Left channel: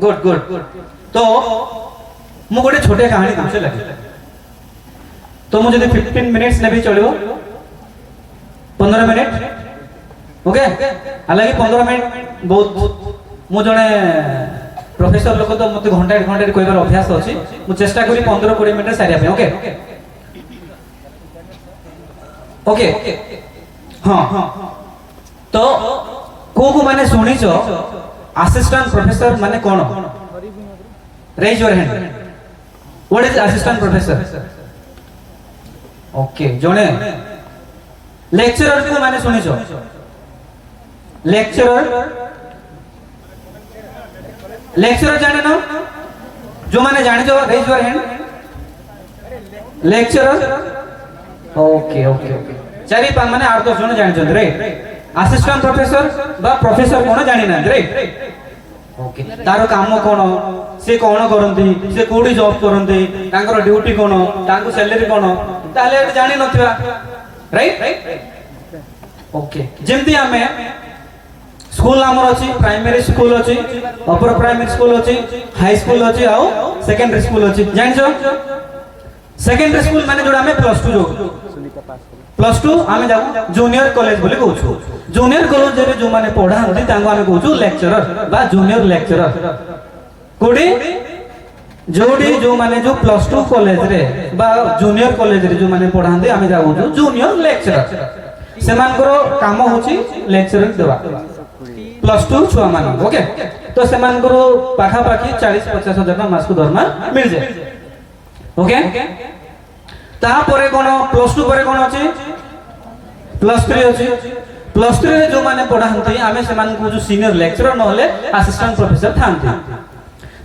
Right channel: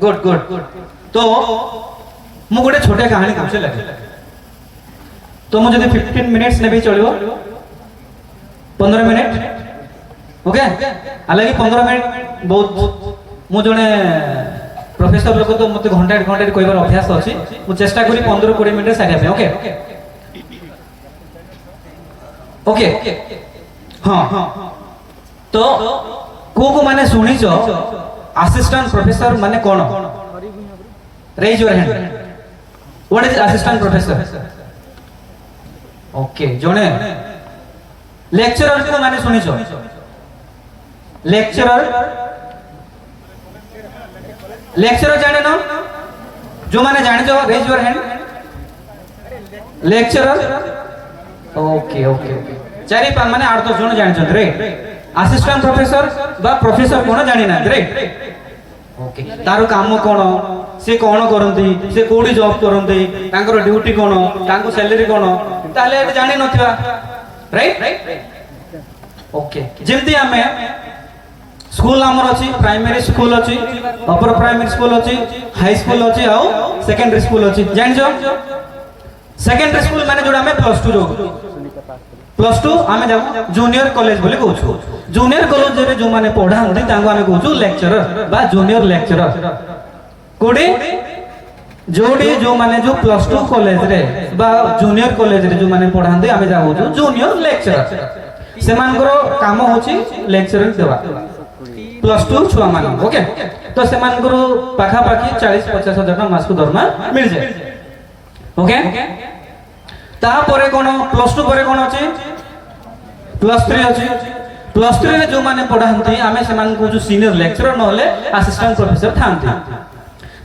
Good good. तो मु गोटे छोटे कहानी तुमसे लगे तो मुझे 15 मिनिट्स ने भी चलो 15 मिनिट ओके हालांकि 15 मिनिट बहुत मु जने प्रोफेसर लोक तो मत घंटा घंटा कहबार अभ्यास अच्छी मु चेष्टा करी 15-20 मिनिट सारिया ओके ओके हाँ तो को माने सुनी असिस्टेंट प्रोफेसर माने कौन raise your hand what is assistant professor okay जने लेक्चरर को माने सुनी लेक्चरर जाने ना जो माने जाने जो raise your hand lecturer okay okay चारि पांच माने 8-10 जन जानि छथि राइट असिस्टेंट प्रोफेसर बा प्रोफेसर कोन जानि ना राइट ओके तारो काम कोन से कोन करंती से कोडी जॉब करंती तांकर ड्यूटी कोन तांको सैलरी कोन ताले जानि नथिबा राइट ओके जेमती हमें स्कूल हमर अछि प्राइमरी स्कूल अछि अपर प्राइमरी स्कूल अछि हाई स्कूल अछि आउ सेकेंडरी स्कूल अछि जानि जो सेकेंडरी स्कूल माने जोडा में प्लस 2 जो प्लस 2 आमे जाऊ जूनियर कॉलेज बोले कहू जूनियर कॉलेज रे जो माने पढांती तांको आमे कहू लेक्चरर बा जूनियर लेक्चरर कोडी जोडी जो माने जो प्लस 2 कॉलेज रे बा जूनियर कॉलेज रे जो माने पढांती आमे जाऊ जूनियर लेक्चरर सेमानकर काम होची लेक्चरर देवा प्लस 2 छुआ मान ओके तो सेमानकर पाखा पाखी 40-50 हजार मास को दरमा मिल जाए ओके तापरे कोन प्लस 2 परे कोन अछि प्लस 3 अछि प्लस 3 रे जो माने पढांती आमे सेमान को जो सीनियर लेक्चरर नहले असिस्टेंट प्रोफेसर थांती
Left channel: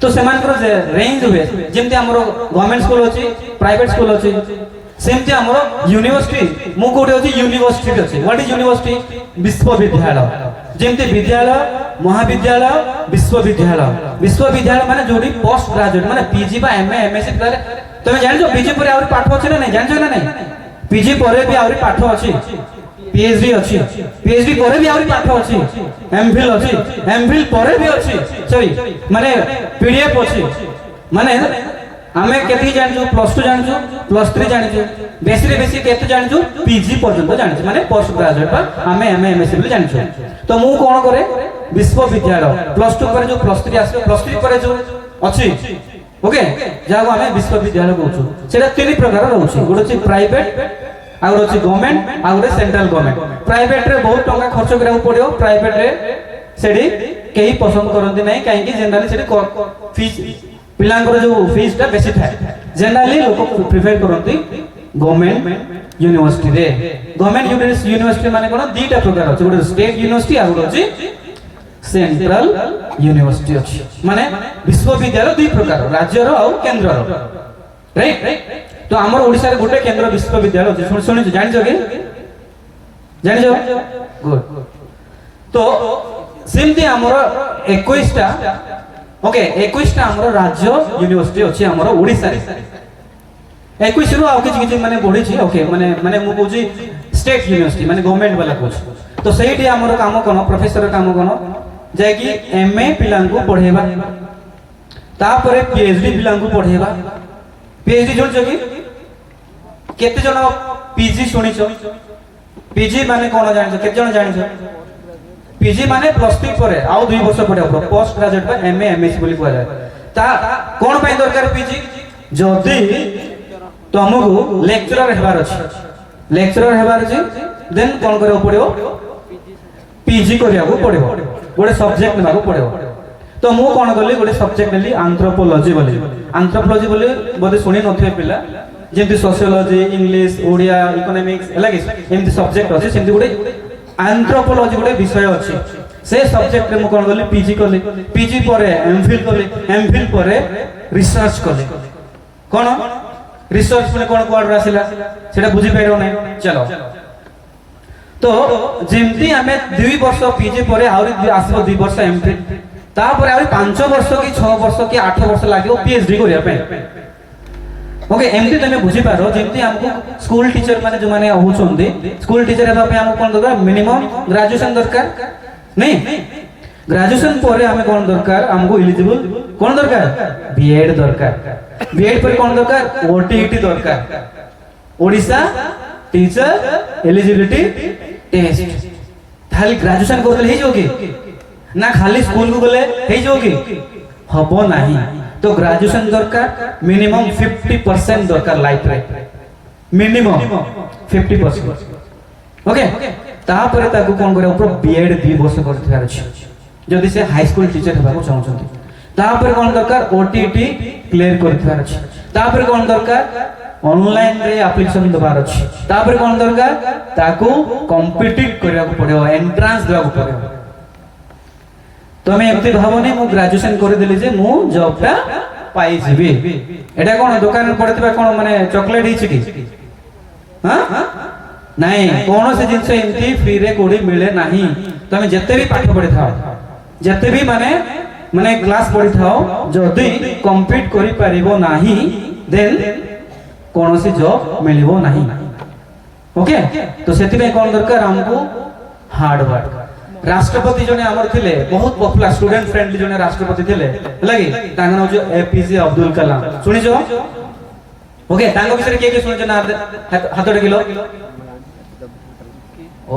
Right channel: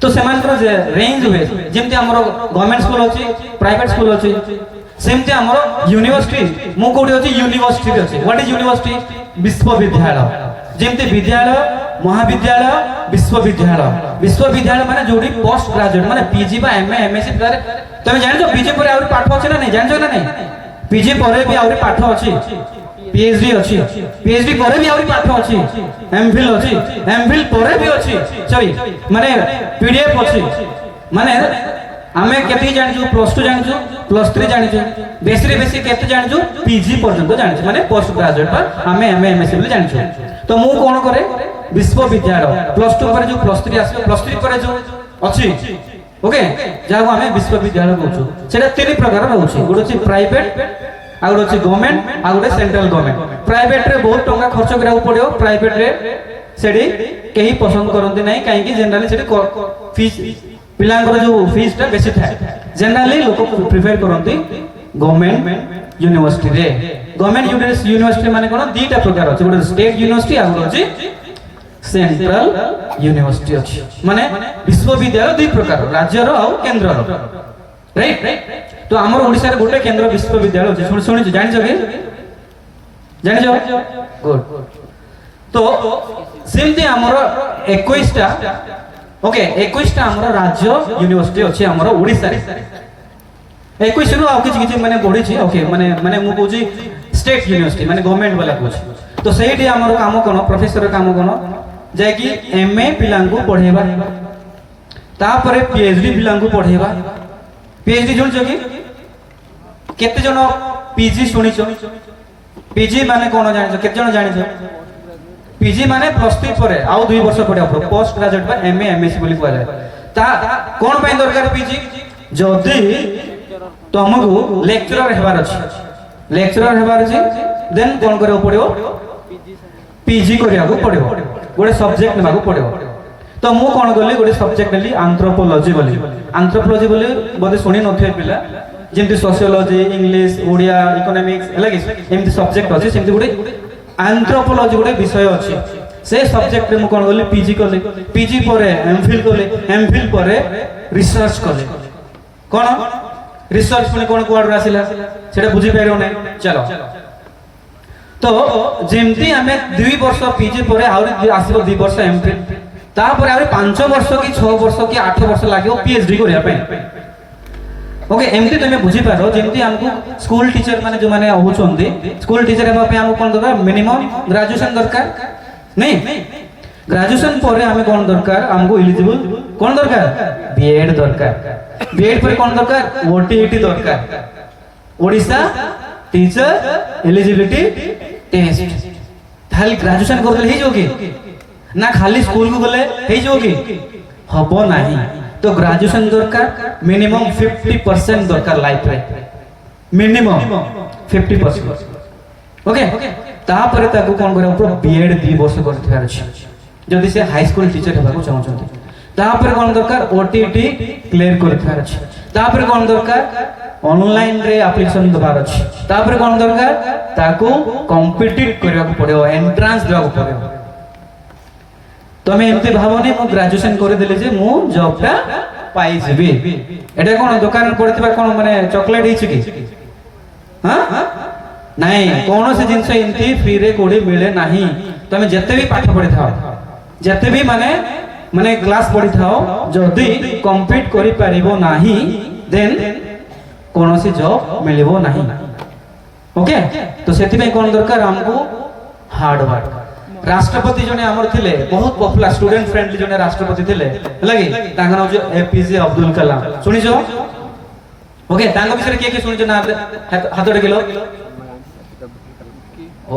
तो सेमान को रेंज हुए जेमते हमरो गवर्नमेंट स्कूल अछि प्राइवेट स्कूल अछि सेमते हमरो यूनिवर्सिटी मु कोठी अछि यूनिवर्सिटी अछि व्हाट इज यूनिवर्सिटी विश्वविद्यालय जेमते विद्यालय महाविद्यालय विश्वविद्यालय माने जोडी पोस्ट ग्रेजुएट माने पीजी बा एमए एमएससी पर तमे जानि जो पीजी पर आउर पाठ अछि ना नहीं जानि जो ना नहीं पीजी पर भी आउर पाठ अछि पीएचडी अछि पीएचडी पर भी आउर पाठ अछि एमफिल अछि एमफिल पर भी अछि सॉरी माने पीडीएफ अछि माने हमें केति जानि जो प्लस 2 जानि जो प्लस 3 जानि जो बेसी रे बेसी केते जानि जो पीजी पर्यंत जानि जो माने पोस्ट ग्रेजुएट पर हमें एमए एमएससी बोले जानि जो तो मु कोन करे विश्वविद्यालय प्लस 2 पर जो प्लस 3 आसे प्लस 3 पर जो अछि ओके जाको हमें विश्वविद्यालय कहू सेटा तीन प्रकार रहउछि गोटे अछि प्राइवेट आ गोटे अछि गवर्नमेंट आ गोटे सेंट्रल गवर्नमेंट प्राइवेट रे बहुत टंका खर्च कराउ पड़ियो प्राइवेट रे सेडी केही पसंद करंती नै काहे कि जनरली सेडी फीस पिलांकर जो फीस ता बेसी थाए जनरली लोक प्रिफर करंती गवर्नमेंट यूनिवर्सिटी रे गवर्नमेंट यूनिवर्सिटी माने कोन दीटा प्रकार अछि गोटे स्टेट यूनिवर्सिटी आ गोटे अछि सेंट्रल यूनिवर्सिटी अछि माने विश्वविद्यालय दुई प्रकार राज्य रो और केंद्र रो राइट तो हमर ओडिसा रे गोटे केंद्र विश्वविद्यालय अछि सुनि जानि जगे जानि जगे गुड तो सेमती हमर 21 टा ओके 21 टा हमर राज्य यूनिवर्सिटी अछि हमर ओडिसा रे 21 रो आ किछि किछि माने बढी छी ओके माने माने मु कहूची स्टेट यूनिवर्सिटी माने गवर्नमेंट वाला कहूची तो सेठी हमर काम कोन प्रोफेसर काम कोन जे कि एमए पिलांकु पढेबा तापरे पीएचडी पिलांकु पढेबा पीएचडी जोन जगी केते जन पीजी सुनिछो पीजी माने कोन जानिछो केते जन जानिछो पीजी माने प्लस 3 परे आउ 2 वर्ष पढिया पोस्ट ग्रेजुएट बा एमए एमएससी बोली कुआ जाय ता कोन पय दरकार पीजी जदी तुमको लेक्चरर हेबार अछि देन कोन करे पड़ियो पीजी करिया को पड़ियो गोटे सब्जेक्ट लेबा पड़ियो तो मु कोन गली गोटे सब्जेक्ट लेली एंथ्रोपोलॉजी बोली बोधे सुनी नथिए पिला जेंति सोशियोलॉजी इंग्लिश ओडिया इकोनॉमिक्स हला कि एमति सब्जेक्ट अछि सेमति गोटे एंथ्रोपोलॉजी गोटे विषय अछि से सब्जेक्ट रे मु कोन गली पीजी करले पीजी परे एमफिल परे रिसर्च करले कोन रिसर्च में कोन कोड आसिला सेटा बुझी पाइरो नै चलो तो जेमती हमें 2 वर्ष पीजी परे आउरी आसीबो 2 वर्ष एमफिल तापर आउरी 5 वर्ष की 6 वर्ष की 8 वर्ष लागियो पीएचडी करिया पे ओके एमती तमे बुझी पारो जेमती हमको स्कूल टीचर माने जो माने होचोंदी स्कूल टीचर हेबा पे हमको कोन दरकार मिनिमम ग्रेजुएशन दरकार नहीं ग्रेजुएशन पर आम कौन दरकार आमको इलिजिबल कौन दरकार बीएड दरकार बीएड पर कौन दरकार ओटीईटी दरकार ओडिशा टीचर एलिजिबिलिटी टेस्ट खाली ग्रेजुएशन करले ही जोगी ना खाली स्कूल को गले ही जोगी हबो नाही तो ग्रेजुएशन दरकार मिनिमम 50% दरकार लाइफ रे मिनिमम 50% ओके तापर ताकू कोन करे ऊपर बीएड 2 वर्ष करथिबार अछि जदि से हाई स्कूल टीचर हेबाको चाहछन्ती तापर कोन दरकार ओटीटी क्लियर करथिबार अछि तापर कोन दरकार ऑनलाइन रे एप्लीकेशन दबार अछि तापर कोन दरकार ताकू कॉम्पिटिट करबाको पड़ियो एंट्रेंस देबाको पड़ियो तमे एमती भावनी मु ग्रेजुएशन कर देले जे मु जॉबटा पाई जेबी एटा कोन दुकान पड़थिबा कोन माने चॉकलेट हिछि कि हां नहीं कौन से जिनसे एमती फ्री रे कोडी मिले नहीं तमे जत्ते भी पाठ पढ़ि थाओ जत्ते भी माने माने क्लास पढ़ि थाओ जदी कंप्लीट करि परिबो नाही देन कौन से जॉब मिलिबो नहीं ओके तो सेति में कोन दरकार हमको हार्ड वर्क राष्ट्रपति जने हमर थिले बहुत पॉपुलर स्टूडेंट फ्रेंडली जने राष्ट्रपति थिले लगी तांगा नाम जो एपीजे अब्दुल कलाम सुनि जो ओके तांगा विषय के सुनि जो ना हातडे किलो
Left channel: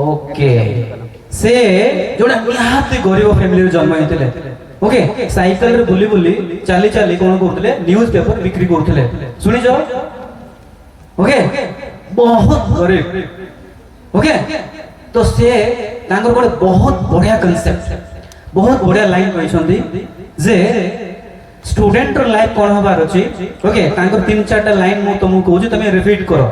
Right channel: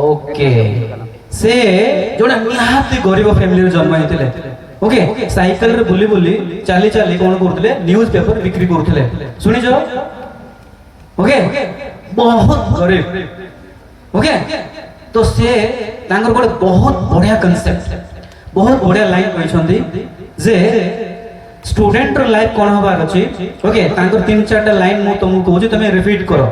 ओके से जोडा निहाती गरीब फैमिली रे जन्म हेतिले ओके साइकिल रे बुली बुली चाली चाली कोन करथले न्यूज़ पेपर बिक्री करथले सुनि जो ओके बहुत गरीब ओके तो से तांगर कोड बहुत बढ़िया कांसेप्ट बहुत बढ़िया लाइन कहछंदी जे स्टूडेंट रो लाइफ कोन होबार अछि ओके तांकर 3-4 टा लाइन मु तुमको कहूची तमे रिपीट करो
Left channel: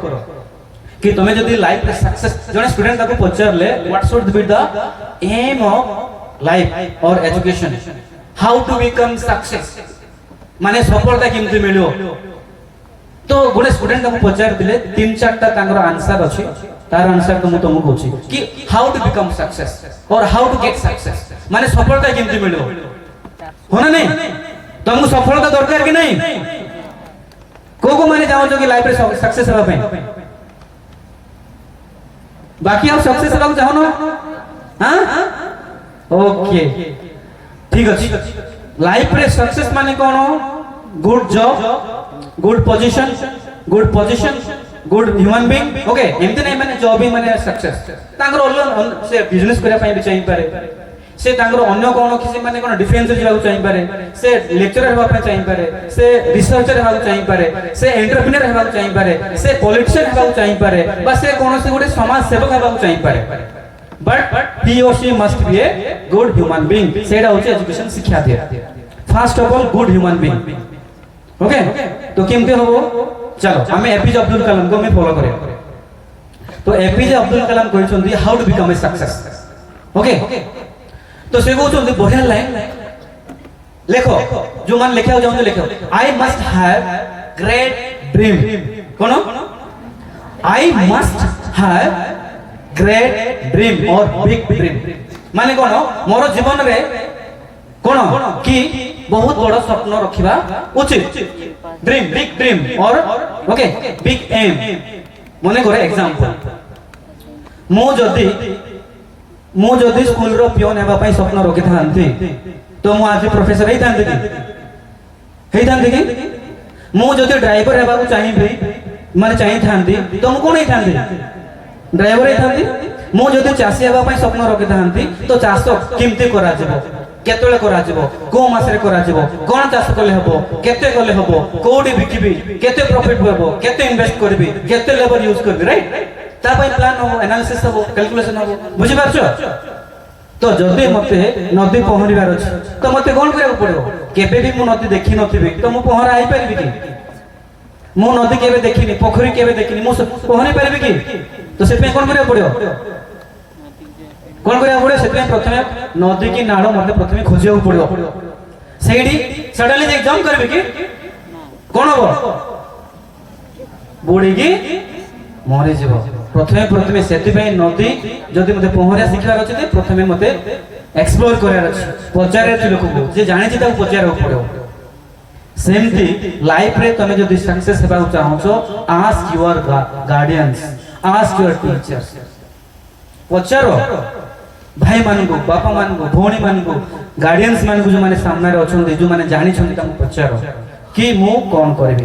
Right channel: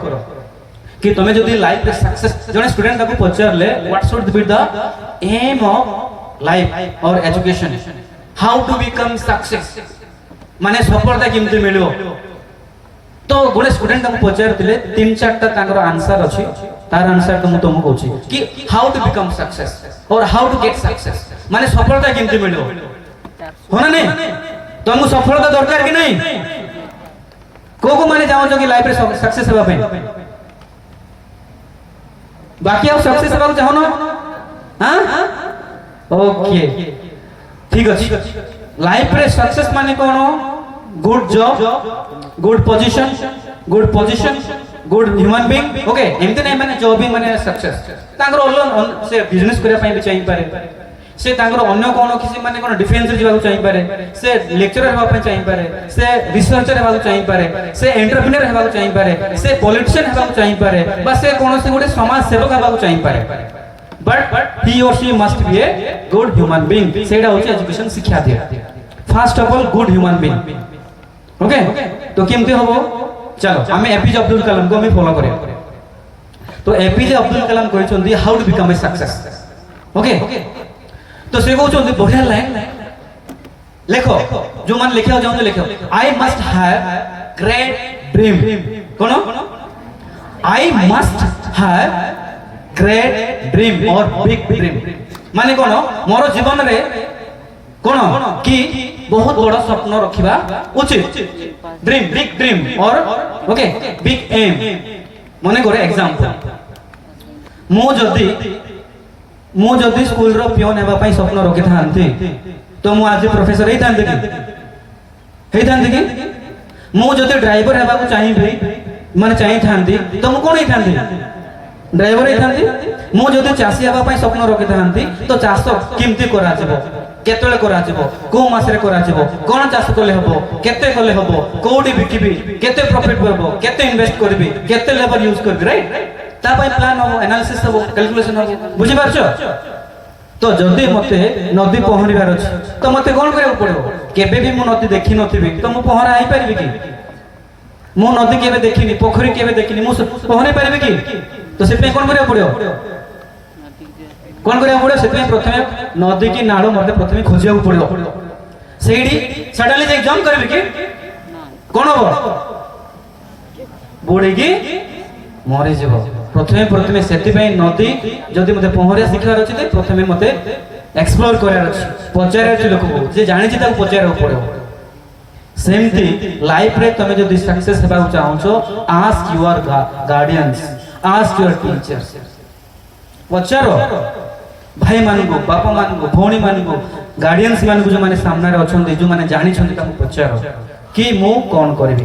कि तमे जदी लाइफ रे सक्सेस जने स्टूडेंट ताको पचारले what should be the aim of life और education how to become success माने सफलता केमते मिलियो तो गोटे स्टूडेंट ताको पचार दिले 3-4 टा तांकर आंसर अछि तार आंसर तो तुमको कहूची कि हाउ टू बिकम सक्सेस और हाउ टू गेट सक्सेस माने सफलता केमते मिलियो होना नहीं तुमको सफलता दरकार कि नहीं को माने जाओ जो कि लाइफ रे सक्सेस हेबा पे बाकी आप सक्सेस हेबा चाहो ना हां ओके ठीक अछि लाइफ रे सक्सेस माने कोन good job good position good human being okay एमते नै माने जॉब ही माने सक्सेस तांगर ऑनलाइन से बिजनेस करिया पई भी चाहि पारे से तांगर अन्य कोन किसी माने कोन डिफेंस जीवा चाहि पारे से लेक्चरर हेबा पई चाहि पारे से रिसर्चर हेबा चाहि पारे से एंटरप्रेन्योर हेबा चाहि पारे से पॉलिटिशियन हेबा चाहि पारे बा से कोन से गोटे समाज सेवक हेबा चाहि पारे बट ही और she must be a good human being सेडा होचे एजुकेशन शिक्षा दिया first of all good human being okay तो केमते होबो चलो हमें एपीजे अब्दुल कलाम को हमें फॉलो करें तो एपीजे अब्दुल कलाम कहछंदी how to become a success okay तो से कहछंदी बढ़िया लाइन लिखो जो मान लिखा जाओ तो लिखो I must have great dream cone I must have great dream और बिग ड्रीम माने कोन मोर जीवन रे कोन कि बहुत बड़ा स्वप्न रखिबा उचित ड्रीम बिग ड्रीम और ओके बिग एम मने करे एग्जांपल मो जदी स्कूल रो पियोन हेबा पई स्वप्न रखि थांती तो मो आज प्रोफेसर हेई थांती कि मो जदी ड्राइवर हेबा को चाहिबी माने चाहि थांती तो मो कोन हेई थांती ड्राइवर हेई थांती मो जदी चासी हेबा पई स्वप्न रखि थांती तो चाष केमती करा जेबो केतले करा जेबो को मासरे करा जेबो कोन चाष कले हबो केते कले हबो कोडी बिकिबी केते प्रॉफिट होबो केते इन्वेस्ट करबी केते लेबर यूज करबी राइट ता पई प्लान हो एनालिसिस हो कैलकुलेशन हो बुझि पारछो तो जदी मते नदी पहरिबार अछि तो मते कोन करे पड़ो केबे भी मु नदी देखि नथिबी तो मु पहरा आइ परिबी कि मु नदी केबे देखिनी पोखरी केबे देखिनी मु पहरी परिबी कि तो से पे कोन करे पड़ो कोन करे पड़ो से प्रथमे नदी की नाड़ मते प्रथमे खोजिया पड़ो सेडी सडनली जे जंप करबी कि कोन हो बुडी की मरि जीवो प्रथमे सेति पे नदी जदी मते पहरिया शिखार अछि ते प्रथमे मते एक्सप्लोर करार अछि पचारे अछि लोक को जे जानि छि ता पचारे पड़ो सेमती लाइफ रे तमे जदी सक्सेस हेबा चाहो छो ask your guardians ask your teachers पचारो भाई मानू बापा मानू भौणी मानू गार्डियंस मानू जो माने सामने अच्छा जो माने जानी पचार कि मु कौन करी